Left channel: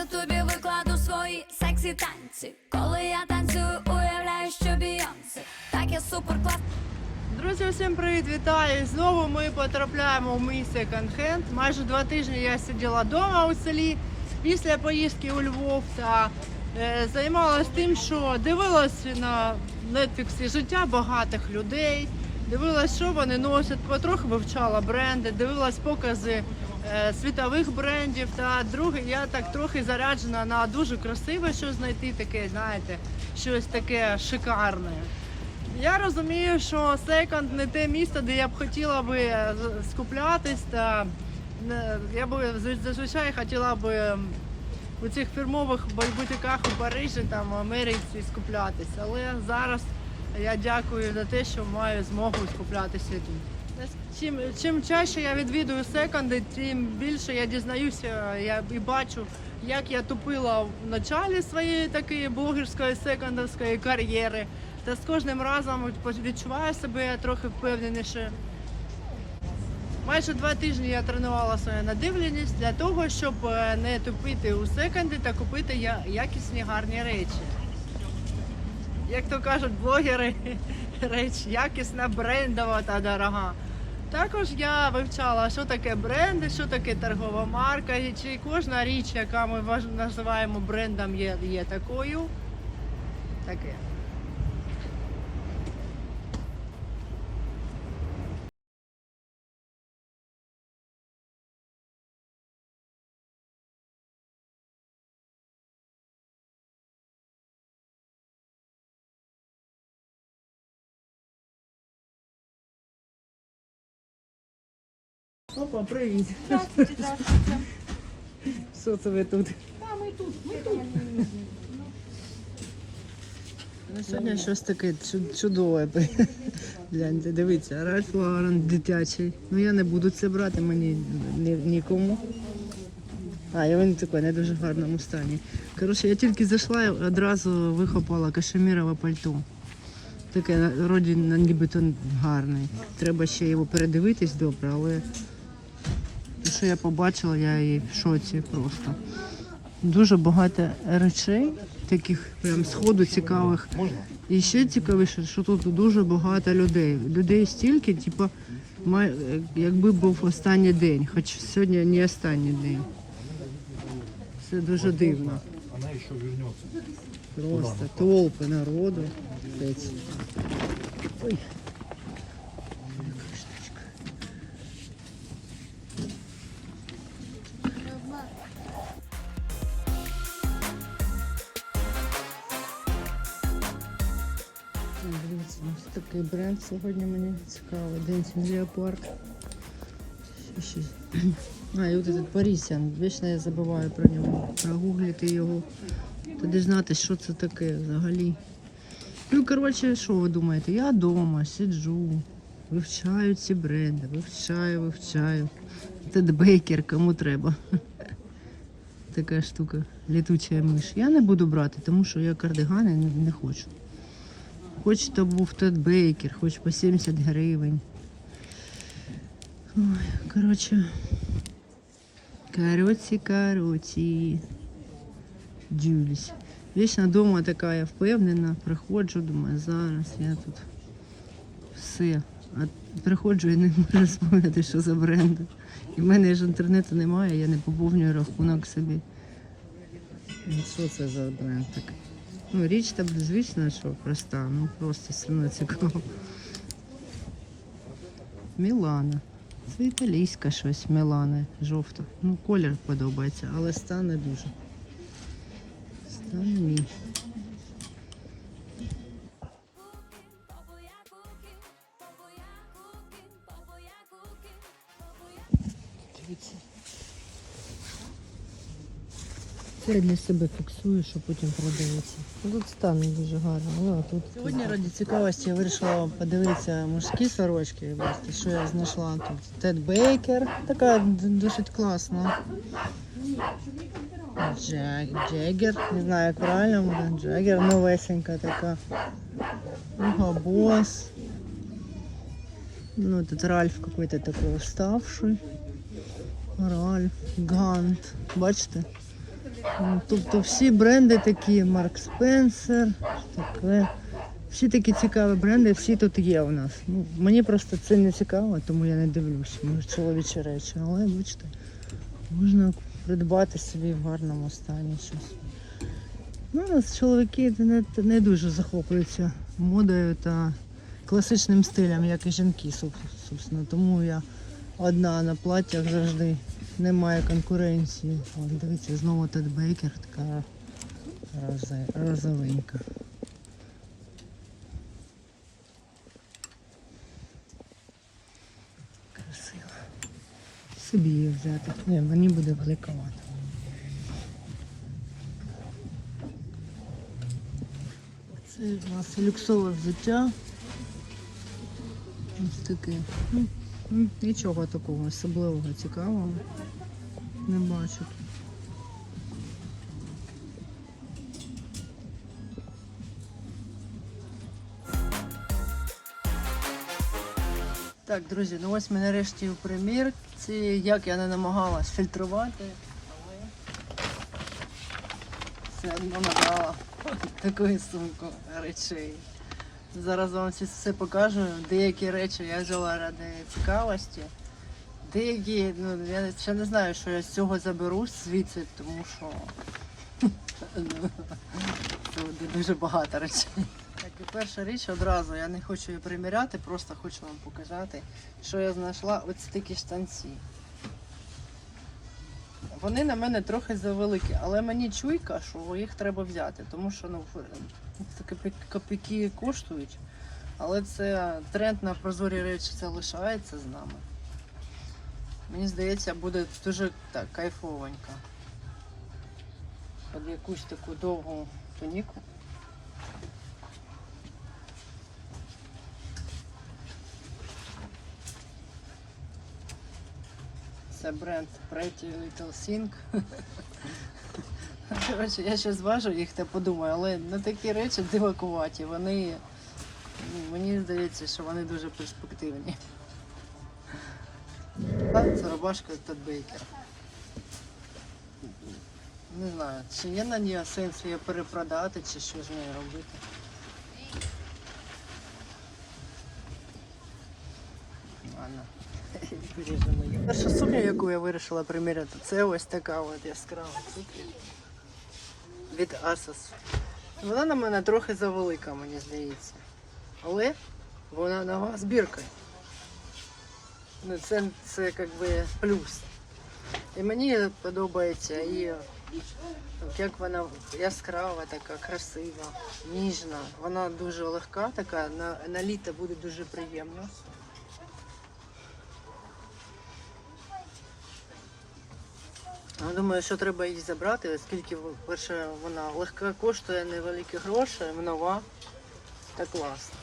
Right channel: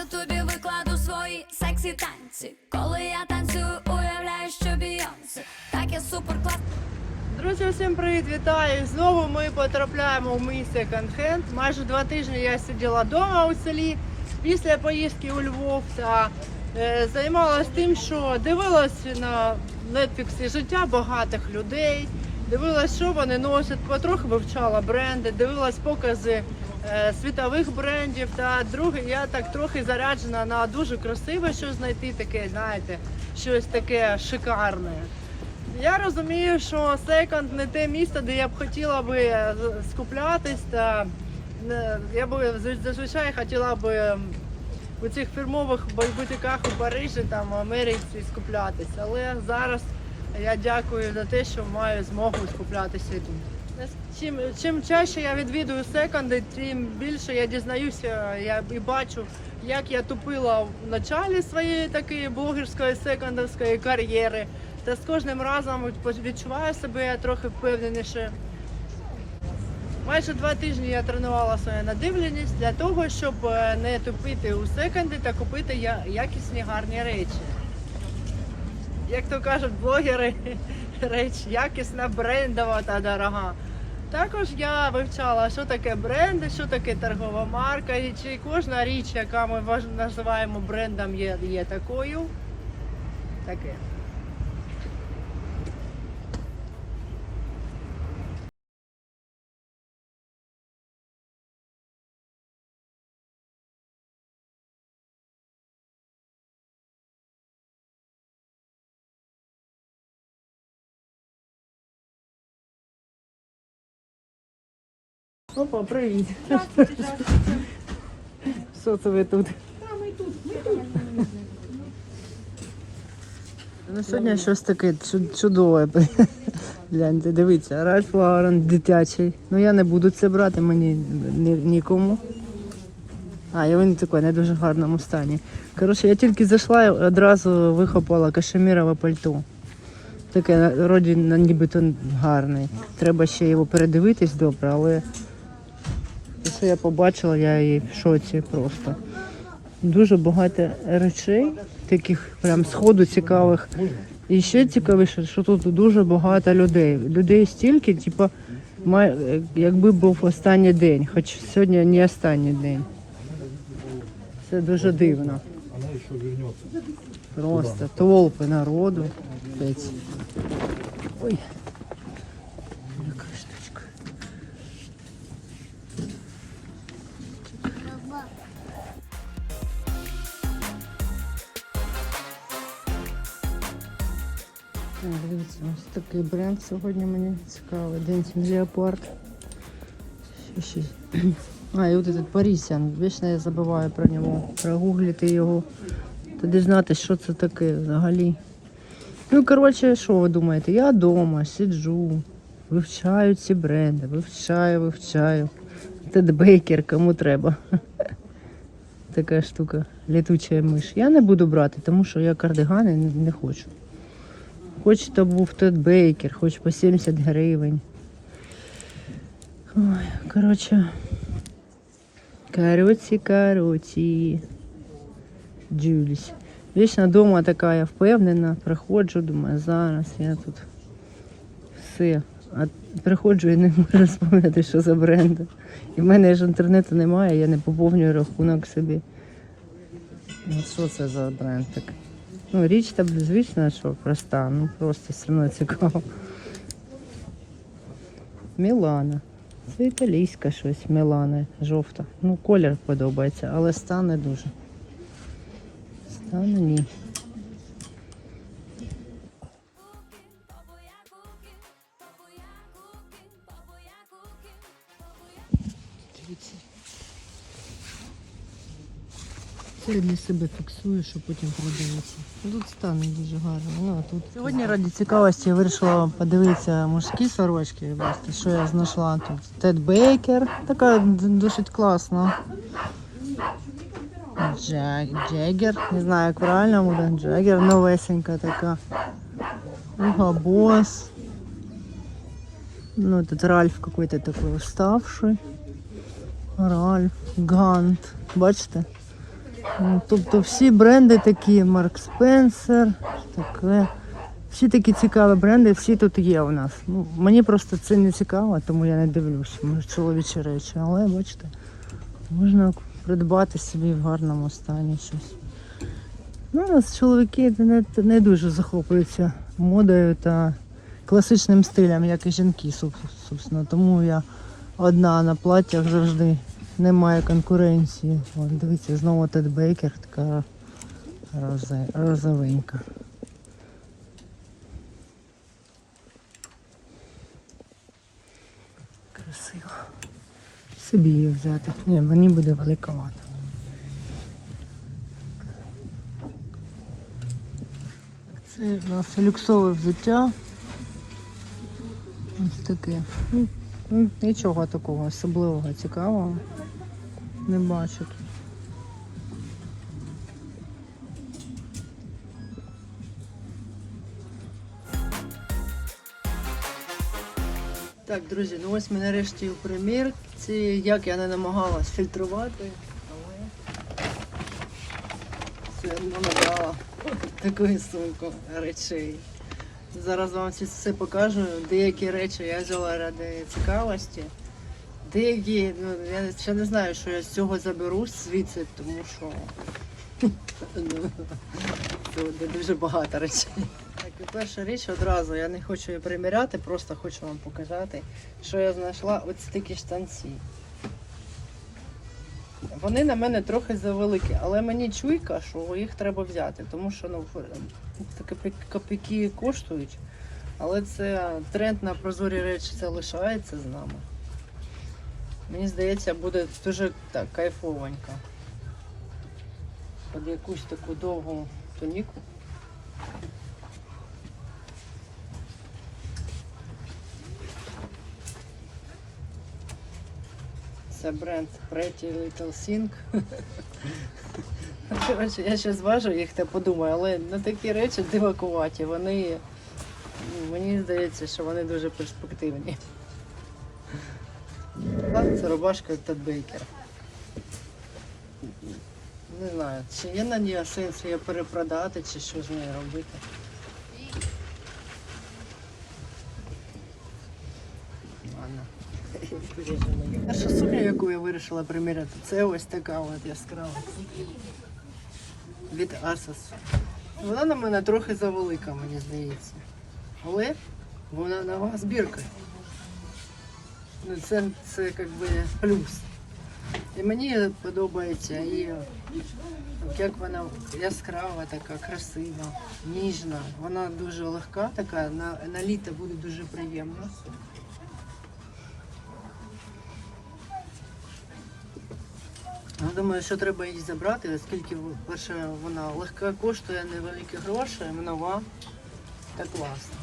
Ютубі викладу свої сексі танці. Коли я танцюю, уявляю, що Бійонсе. Так я супер клас. Друзі, всім привіт, вітаю! Знову ми потрапляємо в мій секонд-хенд. Майже два тижні я сиділа вдома у селі після поїздки у Львов та е, займалася тим, що дивилась на Netflix життя багатих людей, дивилась, що вони носять, потроху вивчала бренди, дивилась покази світових брендів. Та друге, я так трохи заряджена на дуже красиве щось знайти, таке, знаєте, щось таке шикарне. Я розумію, що секонд не те місто, де я б хотіла би е, скуплятись. Та я б зазвичай хотіла би у цих фірмових бу- бутиках у Парижі, там в Америці скуплятись. Але зараз я дякую за те, що маю змогу скуплятися тут. Чим, чим чаще я відвідую секонди, тим більше я дізнаюся я і бачу, як я тупила в началі своєї такої блогерської секондовської кар'єри. Та з кожним разом відчуваю себе трохи впевненіше. Майже два тижні я тренувала свою надивленість для того, щоб е, не тупити у секонди та купити я- якісні гарні речі. Як то кажуть блогери, реч якісна, брендова та дорога. Також я вивчала, що таке бренди, що таке торгова марка, і чи кожна річ, яка ми називаємо брендом, є, є такою. Таке. Опа, привіт. Що це ви тут? Ну, сьогодні щось таке чу- чудове. Гляньте, дивіться, Ральф Лаурен дитячий. Ну я не буду це брати, мені ні, нікому. А, і він такий не дуже гарному стані. Коротше, я тільки зайшла і одразу вихопала кашемірове пальто. Таке вроді на- нібито гарне. Треба ще його передивитись добре, але що я побачила, я і в шоці просто. Дуже багато речей, таких прям сходу цікавих. І ще цікавіше, що тут дуже багато людей. Людей стільки, типу, якби був останній день, хоч сьогодні не останній день. Це дуже дивно. Просто толпи народу. Ой. Дивіться, ось такий бренд сьогодні мені цікавий. День Леопард. А, і от этот Парісян. Вічно я забуваю про нього. Прогуглити його. Тоді знати, що це таке взагалі. Ну, коротше, що ви думаєте? Я вдома сиджу, вивчаю ці бренди, вивчаю, вивчаю. Тед Бейкер, кому треба. Така штука, літуча миш. Я не буду брати, тому що я кардигани не хочу. Хоч то був Тед Бейкер, хоч по 70 гривень. Ой, коротше. Короче, короче. Дивлюсь. Вічно вдома така я впевнена, приходжу, думаю, зараз я тут все. А приходжу і не можу спомнити, що за бренди. І в мене ж інтернету немає, я не поповнюю рахунок собі. Ну що це за бренд такий? Ну, річ там звісно, що проста, ну просто все одно цікаво. Мілана. Це італійська щось, Мілана, жовта. Ну, колір подобається, але стане дуже. Стане ні. Це для себе фіксую, що потім. Ну, Тут стан не дуже гарний. Ну, а тут... Сьогодні раді цікавості я вирішила подивитися мужські сорочки. Що я знайшла тут. Тед Бейкер. Така досить класна. Джаг, Джаггер. Не знаю, як правильно буде. Джаггер новесенька така. Уга Босс. Ну, тут Ральф какой-то такой уставший. Ральф, Гант. Бачите? Ну, Тобто всі бренди такі, Марк Спенсер, таке. Всі такі цікаві бренди, всі тут є у нас. Ну, мені просто це не цікаво, тому я не дивлюся. Може чоловічі речі, але бачите, можна придбати собі в гарному стані щось. Ну, у нас чоловіки не, не дуже захоплюються модою та класичним стилем, як і жінки, собственно. Тому я одна на платтях завжди немає конкуренції. От, дивіться, знову Тед Бейкер, така розовенька. Красиво. Собі її взяти. Ні, мені буде великовато. Це люксове взуття. Ось таке. Нічого такого особливого цікавого. Не бачу. Так, друзі, ну ось ми нарешті в примірці. Як я не намагалась фільтрувати, але це набрала такою сумкою речей. Зараз вам все, все покажу. Деякі речі я взяла ради цікавості. Деякі, ну я ще не знаю, що я з цього заберу звідси, тому що це дуже багато речей. Так, і перша річ одразу, я не хочу її приміряти, просто хочу вам показати, що я знайшла ось такі штанці. Вони на мене трохи завеликі, але мені чуйка, що їх треба взяти, тому що ну, копійки коштують. Але це тренд на прозорі речі це лишається з нами. Мені здається, буде дуже так кайфовенько. Під якусь таку довгу тоніку. Це бренд Pretty Little Thing. Коротше, я ще зважу їх та подумаю, але ну, такі речі дивакуваті, вони мені здається, що вони дуже перспективні. Так, Це рубашка Тед Бейкер. Не знаю, чи є на ній сенс її перепродати, чи що з нею робити. Перша сукня, яку я вирішила приміряти, це ось така от яскрава сукня від Asos. Вона на мене трохи завелика, мені здається. Але вона нова збірка. Ну, це, це би плюс. І мені подобається і як вона яскрава, така, красива, ніжна. Вона дуже легка, така, на, на літо буде дуже приємно. Ну, думаю, що треба її забрати, оскільки, перше, вона легка коштує невеликі гроші, нова та класна.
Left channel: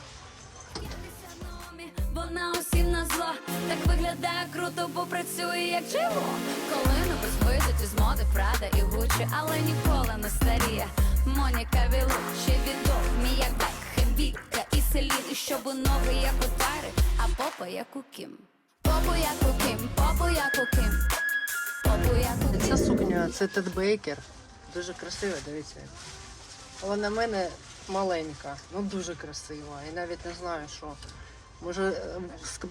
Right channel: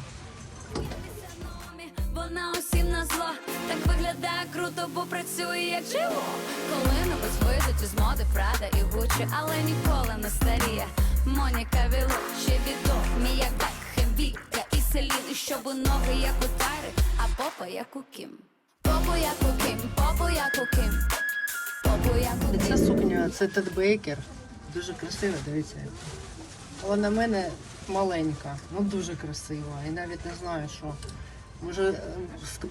Вона усім на зло, так виглядає круто, бо працює як жило. Коли небудь вийдуть із моди Прада і Гуччі, але ніколи не старіє. Моніка Вілучі відомі, як Бекхем, Віка і Селін, і щоб ноги як у Тайри, а попа як у Кім. Попу як у Кім, попу як у Кім. Попу як у Кім. Ця сукня це Тед Бейкер. Дуже красива, дивіться. Але на мене маленька, ну дуже красива. І навіть не знаю, що. Може е,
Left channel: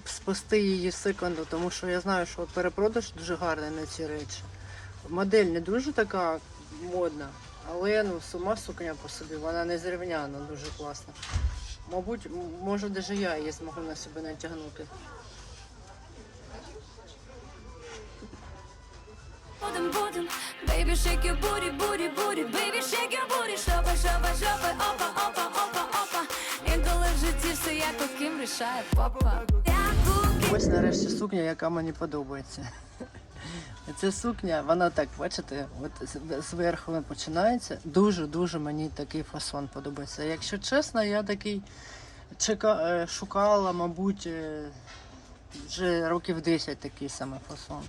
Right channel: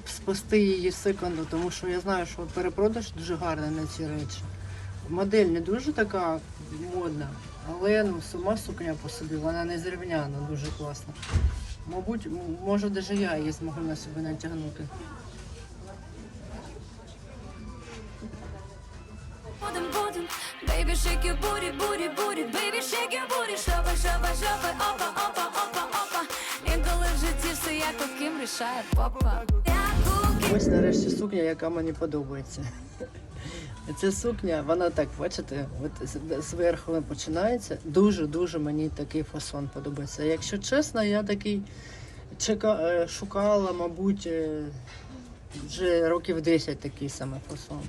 спасти її секунду, тому що я знаю, що перепродаж дуже гарний на ці речі. Модель не дуже така модна, але ну, сама сукня по собі, вона не зрівняна, дуже класна. Мабуть, може навіть я її зможу на себе натягнути. Будем, будем, booty, booty, baby, shake your booty, шопа, шопа, шопа, опа, опа, опа, опа. В житті все як ким рішає ким. Ось нарешті сукня, яка мені подобається. Ця сукня, вона так, бачите, от зверху починається. Дуже-дуже мені такий фасон подобається. Якщо чесно, я такий чека, е, шукала, мабуть, е, вже років 10 такий саме фасон.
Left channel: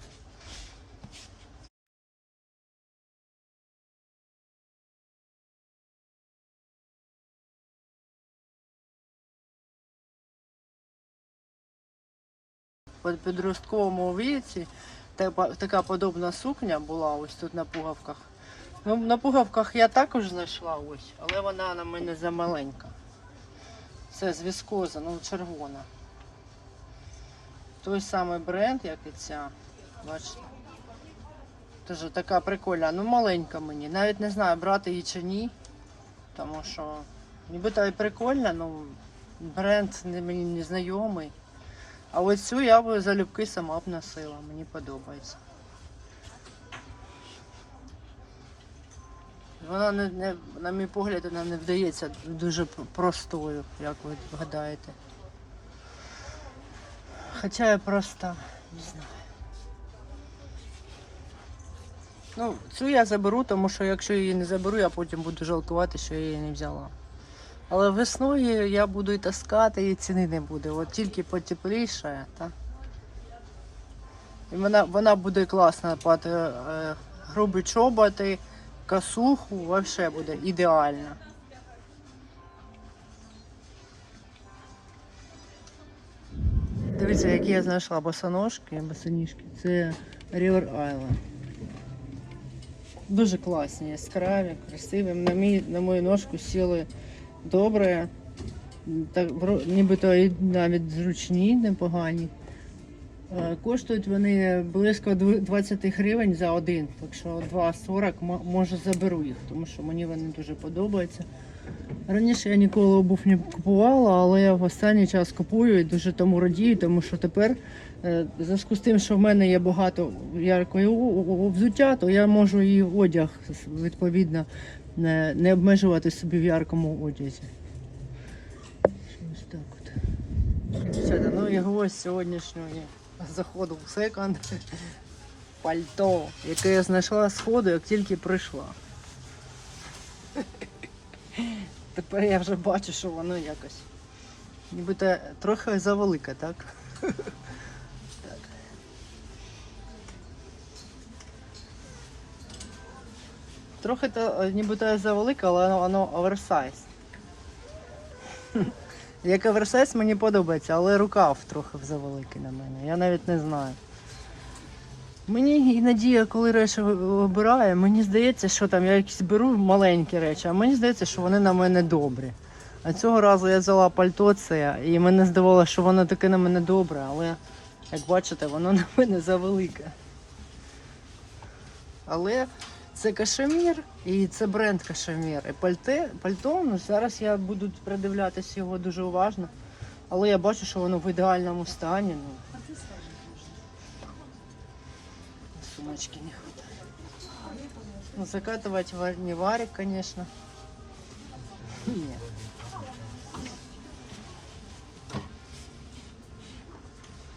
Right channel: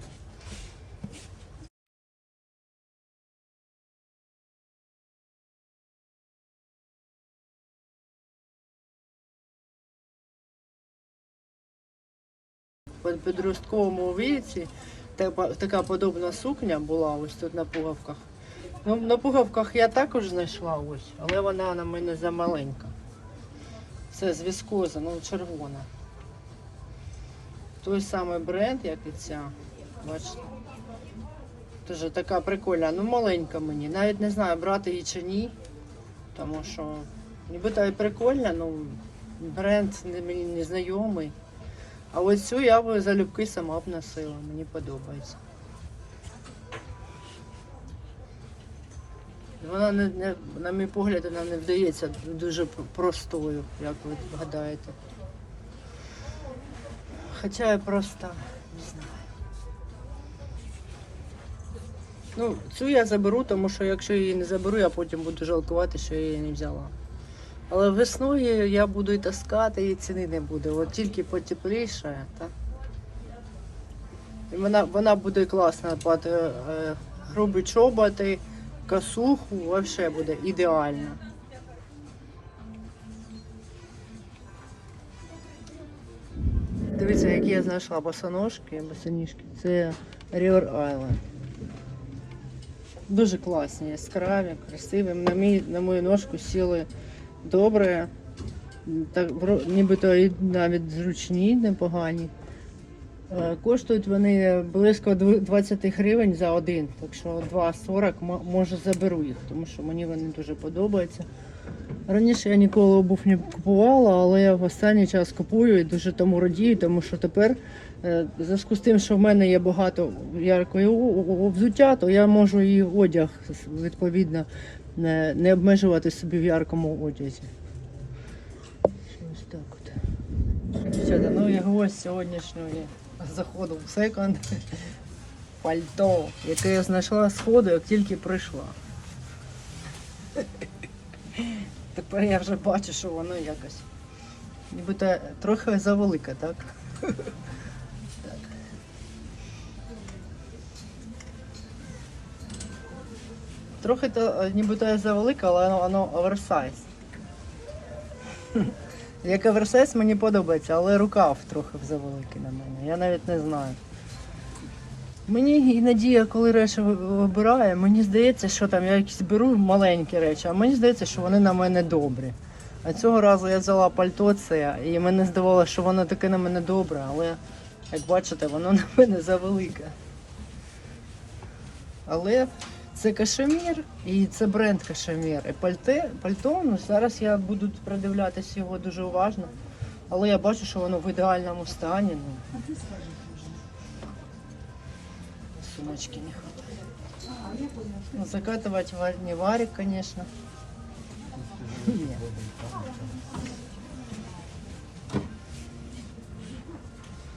По підростковому віці така подобна сукня була ось тут на пуговках. Ну, на пугавках я також знайшла ось, але вона на мене замаленька. Це з віскоза, ну червона. Той самий бренд, як і ця. Бачите? Дуже така прикольна, ну маленька мені. Навіть не знаю, брати її чи ні. Тому що нібито і прикольна, ну бренд мені не знайомий. А ось цю я б залюбки сама б носила, мені подобається. Вона не, не на мій погляд, вона не вдається дуже простою, як ви гадаєте. Хоча я проста, не знаю. Ну, цю я заберу, тому що якщо її не заберу, я потім буду жалкувати, що я її не взяла. Але весною я буду і таскати, і ціни не буде. От тільки потепліше, так? І вона, вона буде класна під е, грубі чоботи, косуху, взагалі буде ідеально. Дивіться, які я знайшла босоножки, босоніжки. Це River Island. Дуже класні, яскраві, красиві. На, мій, на мою ножку сіли добре. Так, нібито навіть зручні, непогані. Е, Коштують вони близько 20 гривень за один, так що 2,40 м- може заберу їх, тому що мені вони дуже подобаються. Раніше я ніколи обув не купувала, але я в останній час купую і дуже тому радію, тому що тепер, е, в зв'язку з тим, що в мене є багато яркої взуття, то я можу і одяг відповідно не, не обмежувати собі в яркому одязі. Ось так от. Все, ну і гвоздь сьогоднішнього заходу в секонд. Пальто, яке я знайшла з ходу, як тільки прийшла. Тепер я вже бачу, що воно якось. Нібито трохи завелике, так? Трохи то е, нібито і завелике, але воно оверсайз. Як оверсайз мені подобається, але рукав трохи завеликий на мене. Я навіть не знаю. Мені іноді, я коли речі ви- вибираю, мені здається, що там я якісь беру маленькі речі, а мені здається, що вони на мене добрі. А цього разу я взяла пальто це, і мене здавалося, що воно таке на мене добре, але як бачите, воно на мене завелике. Але це кашемір і це бренд кашемір. І пальте, пальто, ну зараз я буду придивлятися його дуже уважно. Але я бачу, що воно в ідеальному стані. Ну. Сумочки не хватает. Ну, закатывать ва- не варик, конечно. Нет.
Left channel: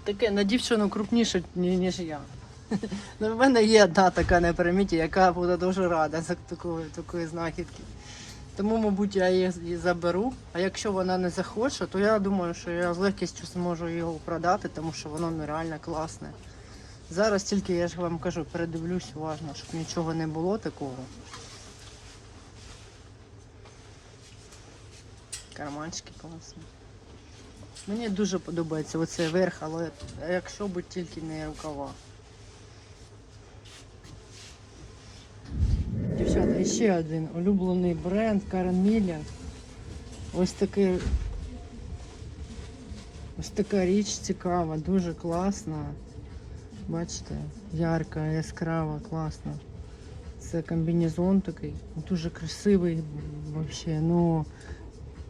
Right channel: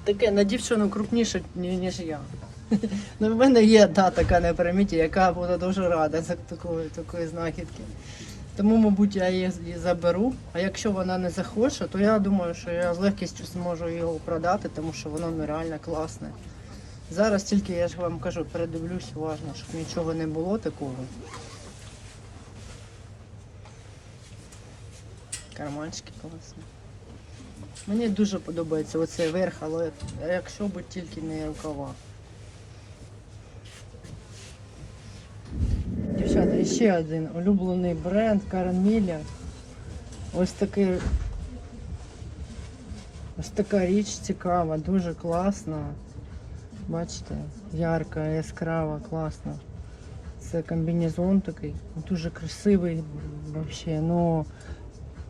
Таке на дівчину крупніше, ні- ніж я. Ну, в мене є одна така на приміті, яка буде дуже рада за такої, такої знахідки. Тому, мабуть, я її заберу. А якщо вона не захоче, то я думаю, що я з легкістю зможу його продати, тому що воно нереально класне. Зараз тільки я ж вам кажу, передивлюсь уважно, щоб нічого не було такого. Карманчики класні. Мені дуже подобається оцей верх, але якщо б тільки не рукава. Дівчата, і ще один улюблений бренд Карен Мілля. Ось такий. Ось така річ цікава, дуже класна. Бачите, ярка, яскрава, класна. Це комбінезон такий, дуже красивий взагалі. Ну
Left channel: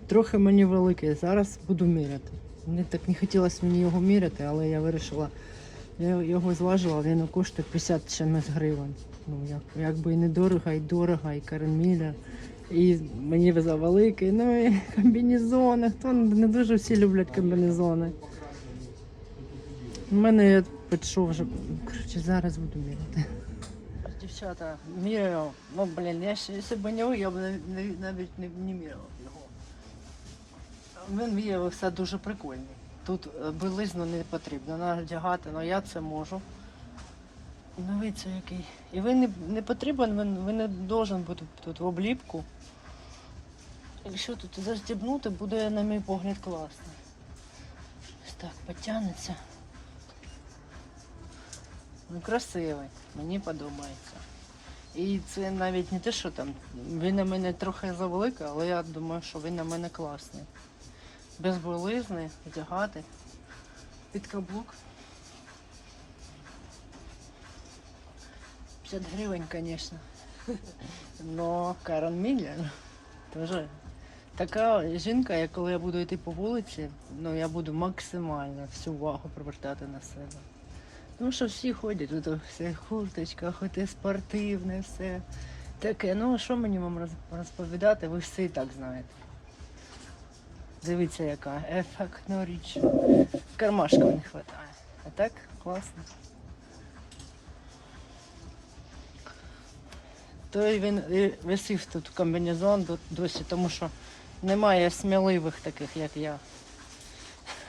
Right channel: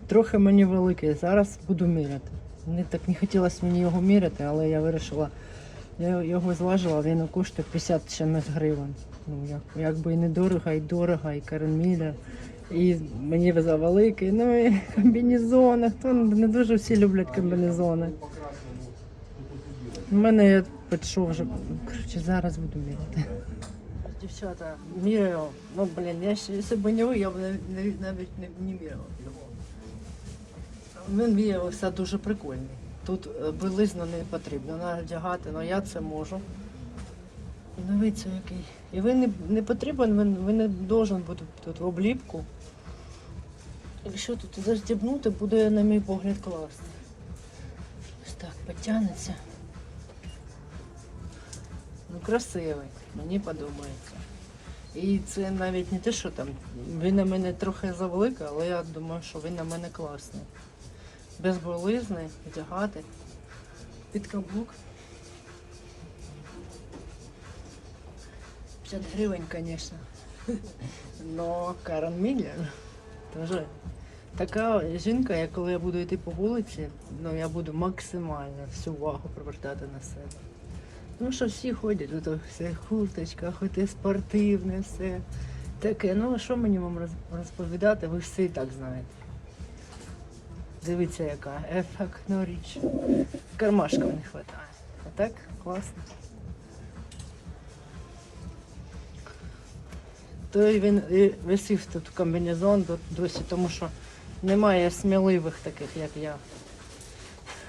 трохи мені великий. Зараз буду міряти. Мені так не хотілося мені його міряти, але я вирішила. Я його зважила, він коштує 50 чимось гривень. Ну, як, якби і недорого, і дорого, і карміля. І мені завеликий. Ну і комбінезони. Хто не дуже всі люблять комбінезони. У мене я підійшов вже. Коротше, зараз буду міряти. Дівчата, міряю. Ну, блін, я ще якщо б нього, я б навіть, не, не міряла. Він виявився дуже прикольний. Тут е, білизну не потрібно надягати, але я це можу. Ну, дивіться який. І він не, не потрібен, він, він не должен бути тут в обліпку. Якщо тут застібнути, буде, на мій погляд, класно. Ось так, потягнеться. Ну, красивий, мені подобається. І це навіть не те, що там. Він на мене трохи завеликий, але я думаю, що він на мене класний. Без болизни, вдягати. Під каблук. 50 гривень, звісно. Но Міллер теж така жінка, як коли я буду йти по вулиці, ну я буду максимально всю увагу привертати на себе. Тому що всі ходять, ото все курточка, хоте спортивне, все таке. Ну, що мені вам розповідати, ви всі так знаєте. Дивіться, яка ефектна річ. Кармашка не вистачає. А так, класно. То він і висів тут комбінезон досі, тому що немає сміливих таких, як я.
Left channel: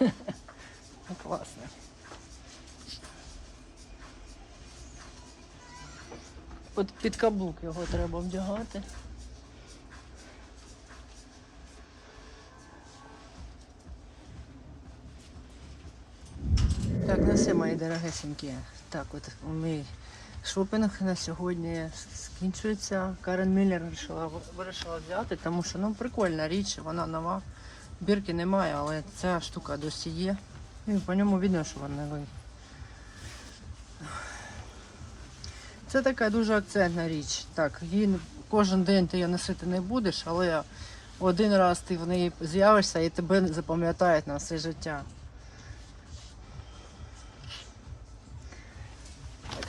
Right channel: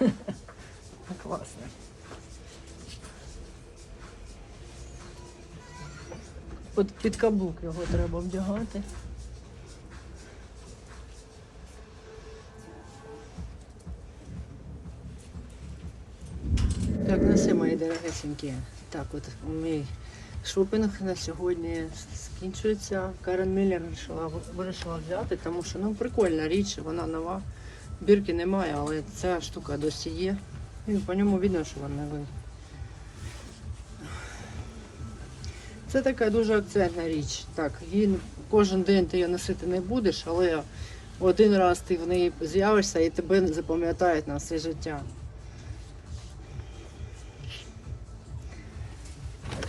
Класно. От під каблук його треба вдягати. Так, ну мої дорогесенькі. Так, от мій шопінг на сьогодні скінчується. Карен Міллер вирішила, вирішила взяти, тому що ну, прикольна річ, вона нова. Бірки немає, але ця штука досі є. Ну, І по ньому видно, що вона новий. Це така дуже акцентна річ. Так, він кожен день ти її носити не будеш, але один раз ти в неї з'явишся і тебе запам'ятають на все життя.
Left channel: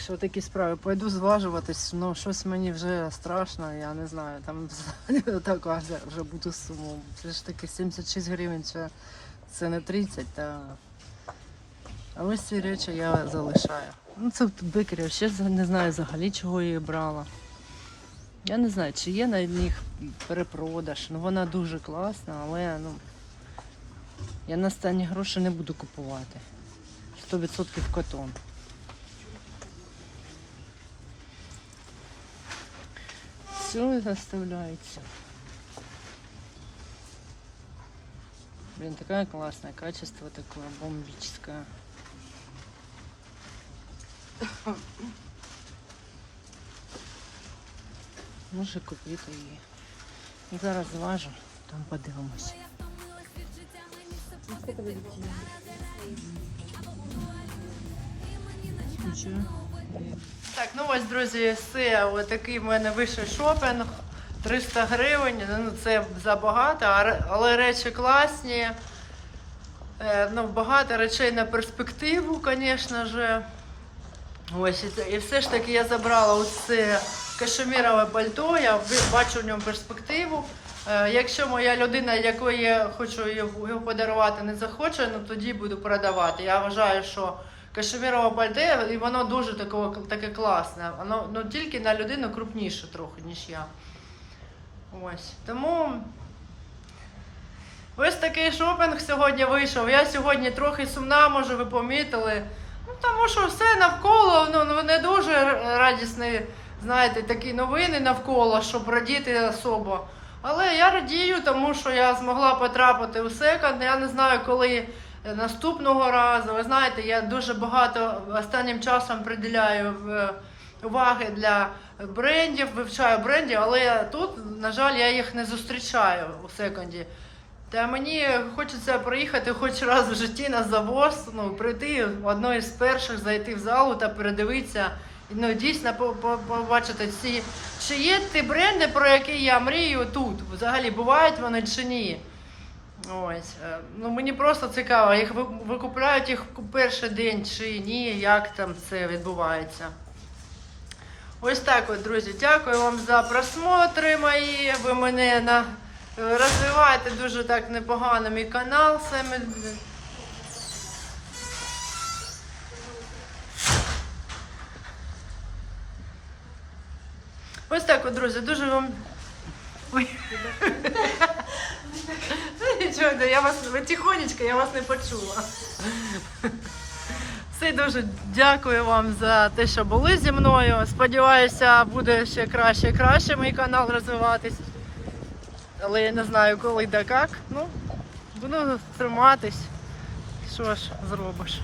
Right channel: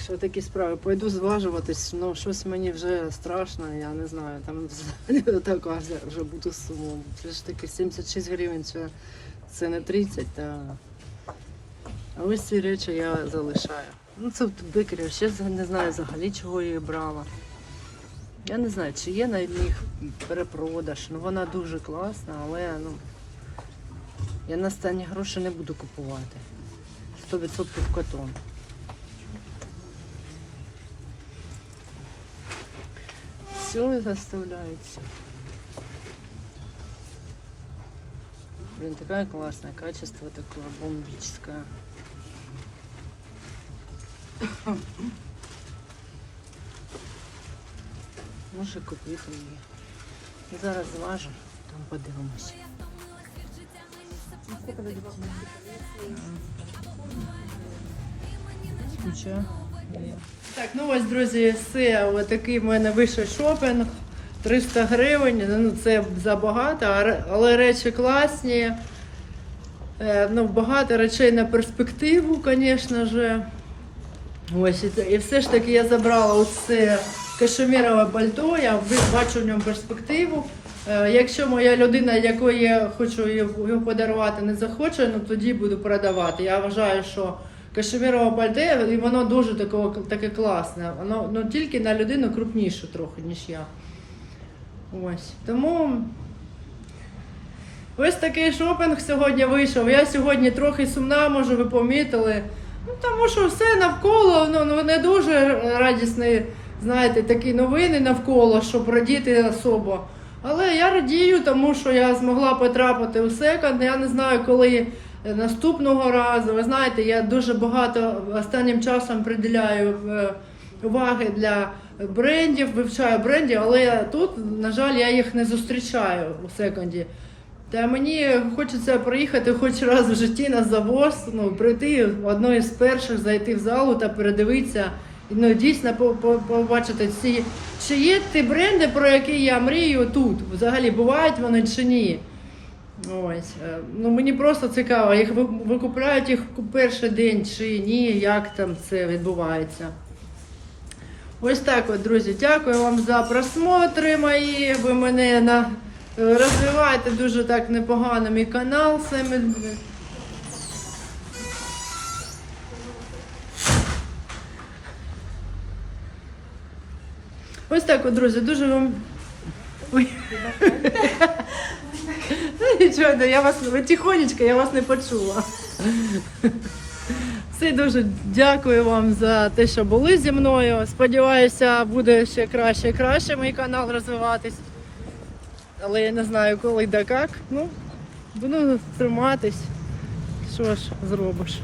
Що такі справи. Пойду зважуватись, ну щось мені вже страшно, я не знаю. Там так вже бути суму. Це ж таки 76 гривень, це, це не 30, та. А ось ці речі я залишаю. Ну це бикерів, ще не знаю взагалі, чого її брала. Я не знаю, чи є на них перепродаж. Ну вона дуже класна, але ну, я на останні гроші не буду купувати. 100% котон. Все заставляется. Блин, такая классная, качество такое бомбическое. Може купити її. І зараз зважу, там подивимось. Я Так, ну ось, друзі, все. Ось такий в мене вийшов шопінг. 300 гривень. Ну, це забагато, але речі класні. Е, Ну, багато речей на перспективу, звісно ж. Ось, і, все ж таки я забрала оце кашемірове пальто, я бачу в ньому перспективу. Е, Якщо моя людина, якої я хочу його подарувати, не захоче, ну тоді буду продавати. Я вважаю, що кашемірове пальто, і воно дуже такого, таке класне. Воно ну, тільки на людину крупніше трохи, ніж я. Ось. Тому ось такий шопінг сьогодні вийшов. Я сьогодні трохи сумна, може, ви помітили. Ну, тому що все навколо, ну, ну не дуже радісні, знаєте, такі новини навколо, щоб радіти особо. Але я радію, тому що я змогла потрапити у секонд. Я не знаю, коли наступного разу. Ви знаєте, я дуже багато останнім часом приділяю е, уваги для брендів, вивчаю брендів, але тут, на жаль, я їх не зустрічаю у секонді. Та мені хочеться приїхати хоч раз в житті на завоз, ну, прийти одною з перших, зайти в залу та передивитися. Ну, дійсно по- по- побачити ці, чи є ті бренди, про які я мрію тут. Взагалі бувають вони чи ні. Ось. е, Ну, мені просто цікаво, їх викупляють їх перший день чи ні, як там це відбувається. Ось так от, друзі. Дякую вам за просмотри мої. Ви мене на... е, розвиваєте дуже так непогано мій канал. Саме... Ось так от, друзі, дуже вам. Ой. Нічого, я вас тихонечко, я вас не почула. Все дуже дякую вам за те, що були зі мною. Сподіваюся, буде ще краще і краще мій канал розвиватись. Але я не знаю коли да як. Ну, буду триматись. Що ж зробиш?